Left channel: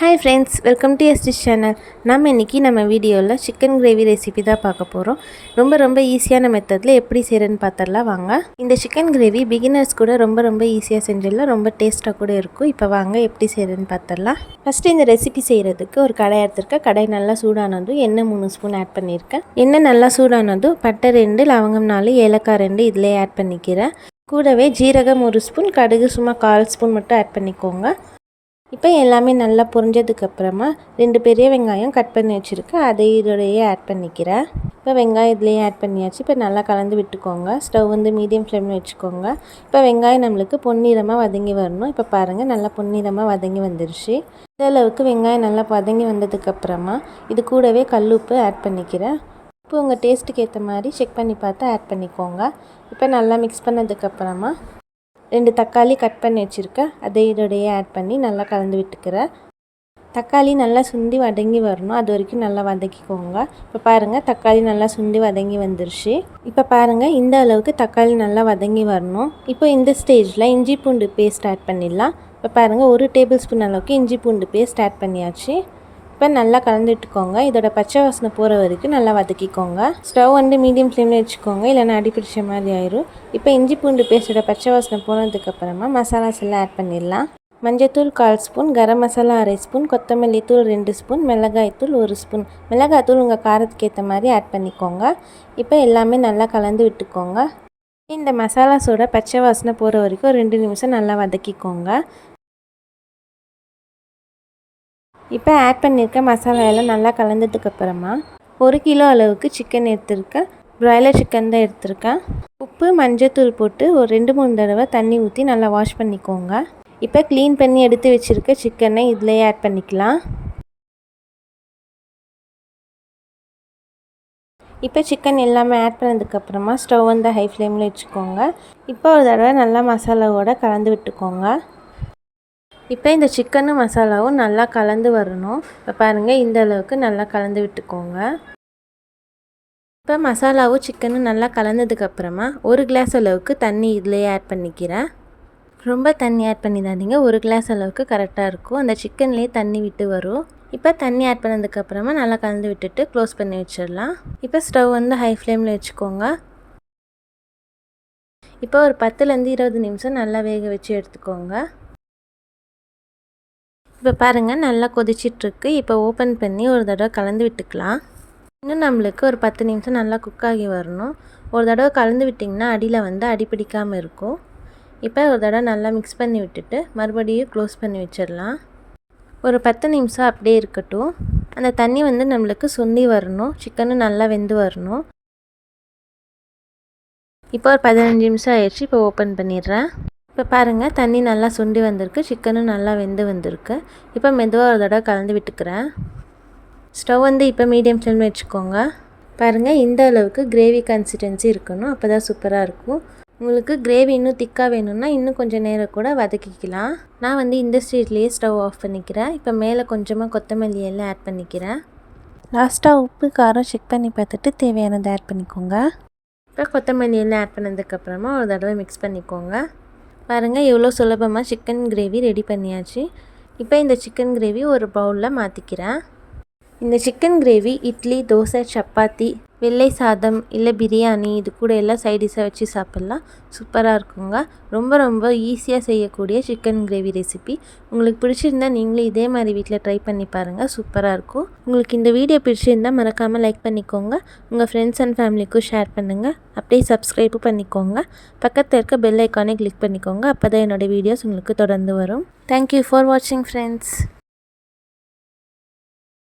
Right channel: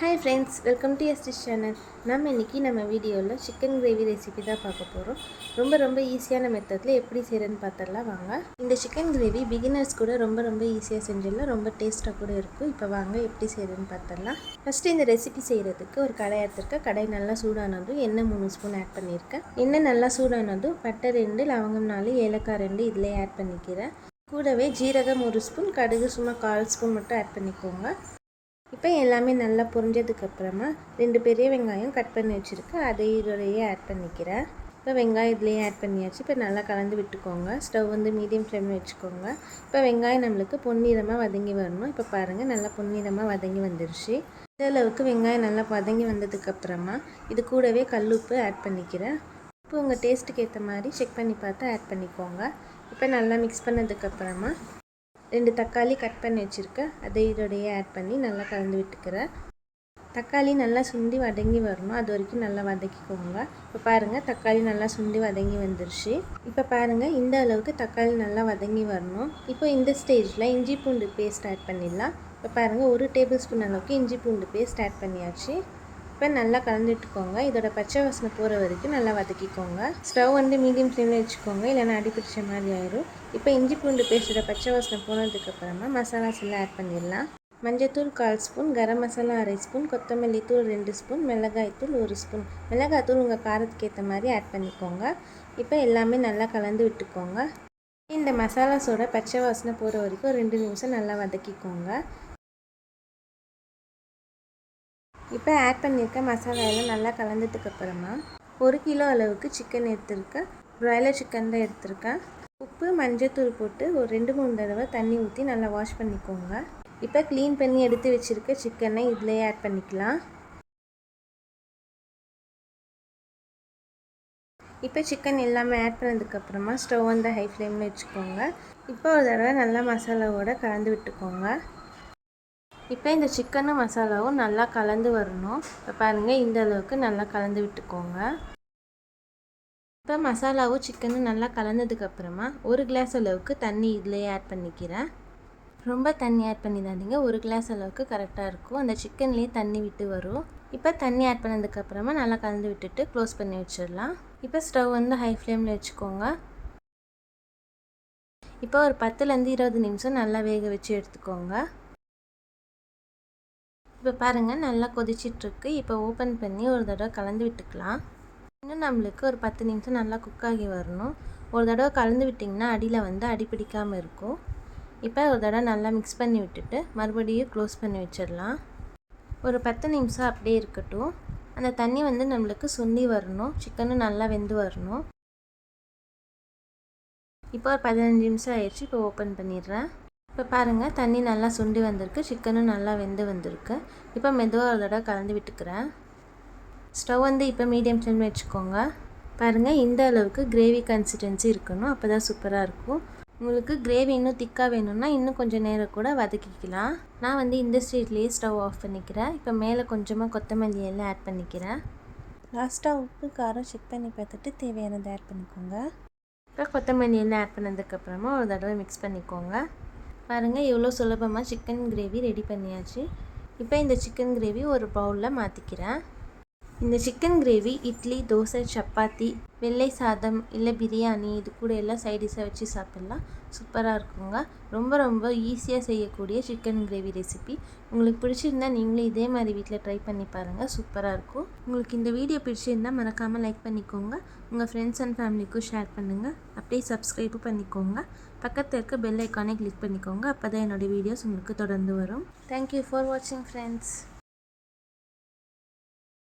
Hi friends, welcome to STs channel. நம்ம வீடியோவில் chicken gravy recipe தான் பார்க்க போகிறோம். ரொம்ப ஈஸியான மெத்தடில் எப்படி செய்கிறேன்னு பார்த்துடலாம் வாங்க. இந்த சிக்கன் கிரேவி பிகினர்ஸ் கூட ரொம்ப ஈஸியாக செஞ்சிடலாம். ரொம்ப டேஸ்ட்டாக கூட இருக்கும். இப்போ வாங்க எப்படி செய்கிறேன்னு பார்த்துடலாம். ஃபஸ்ட்டு இந்த ரெசிபி செய்கிறதுக்கு ஒரு கடாய் எடுத்துருக்கேன். கடாய் நல்லா சூடானதும் எண்ணெய் 3 ஸ்பூன் ஆட் பண்ணியிருக்கேன். எண்ணெய் நல்லா சூடானதும் பட்டை 2, லவங்கம் 4, ஏலக்காய் 2 இதிலே ஆட் பண்ணிக்கிறேன். கூடவே ஜீரகம் 1 ஸ்பூன், கடுகு சும்மா 1/4 ஸ்பூன் மட்டும் ஆட் பண்ணிக்கோங்க. இப்போ எல்லாமே நல்லா பொரிஞ்சதுக்கப்புறமா 2 பெரிய வெங்காயம் கட் பண்ணி வச்சுருக்கேன். அதை இதோடையே ஆட் பண்ணிக்கிறேன். இப்போ வெங்காயம் இதுலேயே ஆட் பண்ணியாச்சு. இப்போ நல்லா கலந்து விட்டுக்கோங்க. ஸ்டவ் மீடியம் ஃப்ளேமில் வச்சுக்கோங்க. இப்போ வெங்காயம் நம்மளுக்கு பொன்னிறமாக வதங்கி வரணும். இப்போ பாருங்கள், நல்லா பொன்னிறமாக வதங்கி வந்துருச்சு. இந்த அளவுக்கு வெங்காயம் நல்லா வதங்கி வந்ததுக்கப்புறமா இது கூடவே கல்லுப்பு ஆட் பண்ணிக்கிறேன். இப்போ உங்கள் டேஸ்ட்டுக்கு ஏற்ற மாதிரி செக் பண்ணி பார்த்து ஆட் பண்ணிக்கோங்க. இப்போ நல்லா மிக்ஸ் பண்ணதுக்கப்புறமா 2 தக்காளி கட் பண்ணி வச்சுருக்கேன். அதை இதோடையே ஆட் பண்ணி நல்லா கலந்து விட்டுக்கிறேன். தக்காளி நல்லா சுண்டி வதங்கி வரணும். அது வரைக்கும் நல்லா வதக்கிக்கோங்க. இப்போ பாருங்கள், தக்காளி நல்லா சுண்டி வதங்கி வந்துருச்சு. இப்போ பாருங்கள், இந்த அளவுக்கு தக்காளி நல்லா வதங்கி வரணும். இப்போ இந்த ஸ்டேஜில் இஞ்சி பூண்டு பேஸ்ட் ஆட் பண்ணிடலாம். இப்போ பாருங்கள், 1 டேபிள் ஸ்பூன் அளவுக்கு இஞ்சி பூண்டு பேஸ்ட் ஆட் பண்ணியாச்சு. இப்போ நல்லா கலந்துட்டுக்கோங்க. இதோட பச்சை வாசனை போகிற வரைக்கும் நல்லா வதக்கிக்கோங்க. ஸ்டவ் மீடியம் ஃப்ளேமில் வச்சுக்கோங்க, இல்லைன்னா அடி பிடிச்ச மாதிரி ஆயிரும். இப்போ இஞ்சி பூண்டு பேஸ்ட்டோட பச்சை வாசனை போனதுக்கப்புறமா மசாலாஸ் எல்லாம் ஆட் பண்ணிடலாம். மஞ்சத்தூள் 1/4 ஸ்பூன், கரம் மசாலா 1/2 ஸ்பூன், கொத்தமல்லி தூள் 2 ஸ்பூன், மிளகாய்த்தூள் 1 ஸ்பூன். மிளகாய்த்தூள் உங்கள் காரத்துக்கு ஏற்ற மாதிரி ஆட் பண்ணிக்கோங்க. இப்போ எல்லாமே நல்லா கலந்து விட்டுக்கோங்க. இந்த மசாலாஸோட பச்சை வாசனை போகிற வரைக்கும் 2 நிமிஷம் நல்லா வதக்கிக்கோங்க. இப்போ ஆட் பண்ணியிருக்க மசாலா எல்லாம் நல்லா கலந்ததுக்கப்புறமா 1 கிலோ அளவுக்கு சிக்கன் எடுத்திருக்கேன். ப்ராய்லர் சிக்கன் தான் எடுத்திருக்கேன். உப்பு மஞ்சத்தூள் போட்டு ஒரு 2-3 தடவை தண்ணி ஊற்றி நல்லா வாஷ் பண்ணிக்கோங்க. இப்போ க்ளீன் பண்ணி எடுத்து வச்சுருக்க சிக்கனை இதிலே ஆட் பண்ணிக்கலாம். இப்போ சிக்கன் எல்லாமே ஆட் பண்ணதுக்கப்புறமா ஸ்டவ் ஹை ஃப்ளேமில் வச்சுக்கோங்க. இப்போ ஒரு தடவை நல்லா மசாலாவோட கலந்து விட்டுக்கோங்க. இப்போ இந்த சிக்கனும் மசாலாவும் நல்லா கலந்து வரணும். இப்போ பாருங்கள், இந்த அளவுக்கு நல்லா கலந்து விட்டுக்கோங்க. இப்போ மசாலாவும் சிக்கனும் நல்லா கலந்ததுக்கப்புறமா 1 கிளாஸ் அளவுக்கு தண்ணி இதிலேயே ஆட் பண்ணிக்கிறேன். ரொம்ப தண்ணி ஆட் பண்ணிடாதீங்க, 1 கிளாஸ் அளவுக்கு கரெக்டாக இருக்கும். அந்த சிக்கன்லேயே தண்ணி விட்டு வரும். இப்போ தண்ணி ஆட் பண்ணதுக்கப்புறமா நல்லா கலந்து விட்டுட்டு க்ளோஸ் பண்ணி வச்சிடலாம். இப்போ ஸ்டவ் ஹை ஃப்ளேமில் வச்சுக்கோங்க. இப்போ ஒரு 10லேருந்து 20 நிமிஷம் நல்லா வேக வச்சு எடுத்துக்கோங்க. இப்போ பாருங்கள், நல்லா கொதிச்சிட்ருக்கு. இப்போ ஓப்பன் பண்ணி ஒரு தடவை கலந்து விட்டுக்கலாம். இன்னும் நம்மளுக்கு ஒரு 10 நிமிஷம் நல்லா குக் ஆகி வரணும். ஒரு தடவை கலந்து விட்டிங்கன்னா அடியில் அடி பிடிக்காமல் இருக்கும். இப்போ ஒரு தடவை நல்லா மிக்ஸ் பண்ணி விட்டுட்டு மறுபடியும் க்ளோஸ் பண்ணி வச்சிடலாம். ஒரு 10 நிமிஷம் அப்படியே இருக்கட்டும். அந்த தண்ணி நம்மளுக்கு சுண்டி வரணும். சிக்கனும் நல்லா வெந்து வரணும். இப்போ ஒரு 15 நிமிஷம் ஆயிடுச்சு. இப்போ ஓப்பன் பண்ணிடுறேன். இப்போ பாருங்கள், தண்ணி நல்லா சுண்டி வந்திருக்கு. சிக்கனும் நல்லா வெந்து வந்திருக்கு. இப்போ மெதுவாக ஒரு தடவை கலந்து விட்டுக்கிறேன். ஸ்டவ் இப்போ மீடியம் ஃப்ளேமில் வச்சுக்கோங்க. பாருங்கள், இந்த அளவுக்கு கிரேவி கன்சிஸ்டன்சி இருக்கணும். அப்போ தான் சூப்பராக இருக்கும். உங்களுக்கு கிரேவி இன்னும் திக்காக வேணும்னா இன்னும் கொஞ்சம் நேரம் கூட வதக்கிக்கலாம். நான் இந்த ஸ்டேஜ்லேயே ஸ்டவ் ஆஃப் பண்ணிக்கிறேன். இப்போ மேலே கொஞ்சமாக கொத்தமல்லி எல்லாம் ஆட் பண்ணிக்கிறேன். லாஸ்ட்டாக உப்பு காரம் செக் பண்ணி பார்த்துட்டு தேவையானதை ஆட் பண்ணிக்கோங்க. இப்போ கொத்தமல்லி எல்லாம் ஆட் பண்ணதுக்கப்புறமா ஒரு தடவை மிக்ஸ் பண்ணிக்கோங்க. பாருங்கள், எவ்வளோ சுலபமாக சிக்கன் கிரேவி ரெடி பண்ணியாச்சு. இப்போ இந்த சிக்கன் கிரேவி ஒரு பவுலில் மாற்றிக்கிறேன். இந்த சிக்கன் கிரேவி இட்லி, தோசை, சப்பாத்தி, வெள்ளை சாதம் இல்லை பிரியாணி இது கூட எல்லாம் சைடிஷாக வச்சு சாப்பிட்லாம். சூப்பராக இருக்குங்க. ரொம்ப ஈஸியாக செய்யக்கூடிய சிக்கன் கிரேவி ரெசிபி. உங்களுக்கு பிடிச்சிருந்தா நீங்களும் இதே மாதிரி வீட்டில் ட்ரை பண்ணி பாருங்கள். சூப்பராக இருக்கும். உங்களுக்கு இந்த வீடியோ பிடிச்சிருந்தால் மறக்காமல் லைக் பண்ணிக்கோங்க. உங்கள் ஃப்ரெண்ட்ஸ் அண்ட் ஃபேமிலிக்கும் ஷேர் பண்ணுங்கள். அப்படியே சப்ஸ்கிரைபும் பண்ணிக்கோங்க. பக்கத்தில் இருக்க பெல் ஐக்கானே கிளிக் பண்ணிக்கோங்க. அப்போ தான் என்னோடய வீடியோஸ் உங்களுக்கு தொடர்ந்து வரும். தேங்க்யூ ஃபார் வாட்சிங் ஃப்ரெண்ட்ஸ்.